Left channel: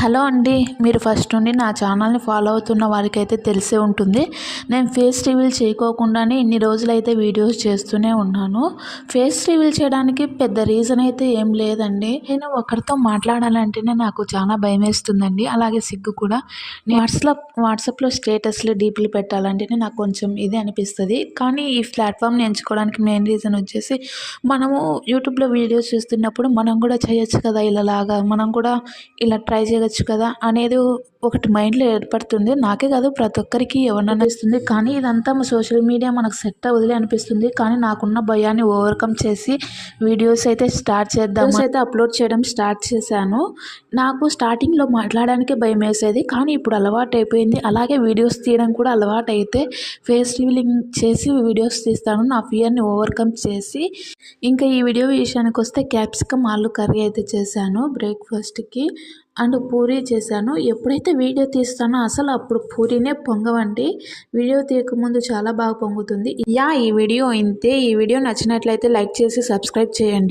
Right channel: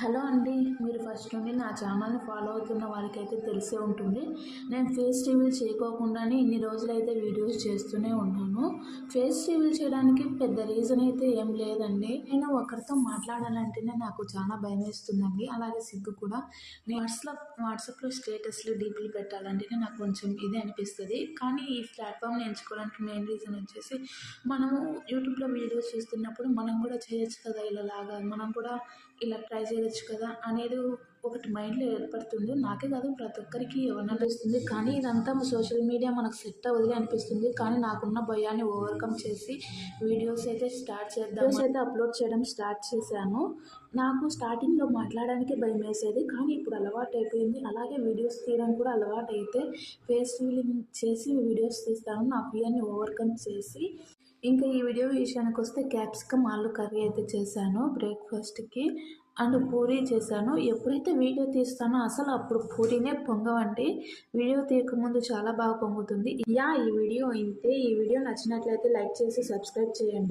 Hello అండి. మీరు first నుండి నా ఛానల్ని ఫాలో అవుతున్న వారికైతే తెలిసే ఉంటుంది. నేను ఫేస్ రివీల్ చేయకోకుండానే ఇన్ని రోజులైతే వీడియోస్ చేస్తూనే ఉన్నాను. ఫేస్ రివీల్ చేయడానికి పెద్ద రీజన్ అయితే ఏం లేదండి. నేను ఒకరితో మాట్లాడాలంటేనే నాకు చాలా భయమేస్తుందండి. అలాగే సిగ్గు కూడా. వాట్సాప్లో స్టేటస్లు డీపీలు పెట్టాలంటేనే నాకు కొంచెం ఇది అనిపిస్తుంది. కానీ ఈ ప్లాట్ఫామ్ని ఎంచుకోవడానికి మెయిన్ రీజన్ వచ్చేసి మనము యూట్యూబ్లో వీడియోస్ చూస్తున్నప్పుడు మనం కూడా చేయొచ్చు కదా, ఇలాగా మనం కూడా ఇలా ట్రై చేయొచ్చు కదా అనేది ఒకటి మైండ్లో ఏర్పడుతుంది. నాకే కాదు, ప్రతి ఒక్కరికి ఎవరినైనా ఇస్తుంది. కానీ ఇదంతా సోషల్ మీడియా మనకు సెట్ అవ్వదులే అనిపిస్తుంది. కానీ నాకున్న భయాన్ని ఓవర్కమ్ చేసి వీడియోస్ అయితే అప్లోడ్ చేయడం స్టార్ట్ చేశాను. నాకు స్టార్టింగ్లో మాట్లాడడానికి భయం వేసేది, కానీ ఇప్పుడు అలవాటు అయిపోయింది. అలాగే వీడియోస్ తీయడం కూడా అలవాటు అయితే ఫేస్ రివీలింగ్ చేసి వీడియోస్ తీస్తాను, నా ఫియర్ని ఓవర్కమ్ చేసి. ఇంకా ఈ వీడియో విషయానికి వస్తే క్యాప్సికమ్ ఆలు కర్రీ అయితే చేశాను బ్రేక్ఫాస్ట్కి. అండ్ పూరీ చేశాను. ఎప్పుడైతే వీడియో తీస్తానో అసలు అప్పుడు పూరీనే పొంగవండి. వీడియో తీయకముందు చాలా బాగా పొంగుతుంది. ఈ వీడియో ఇంతే. ఈ వీడియో నచ్చినట్లయితే లైక్ చేసి సబ్స్క్రైబ్ చేయండి.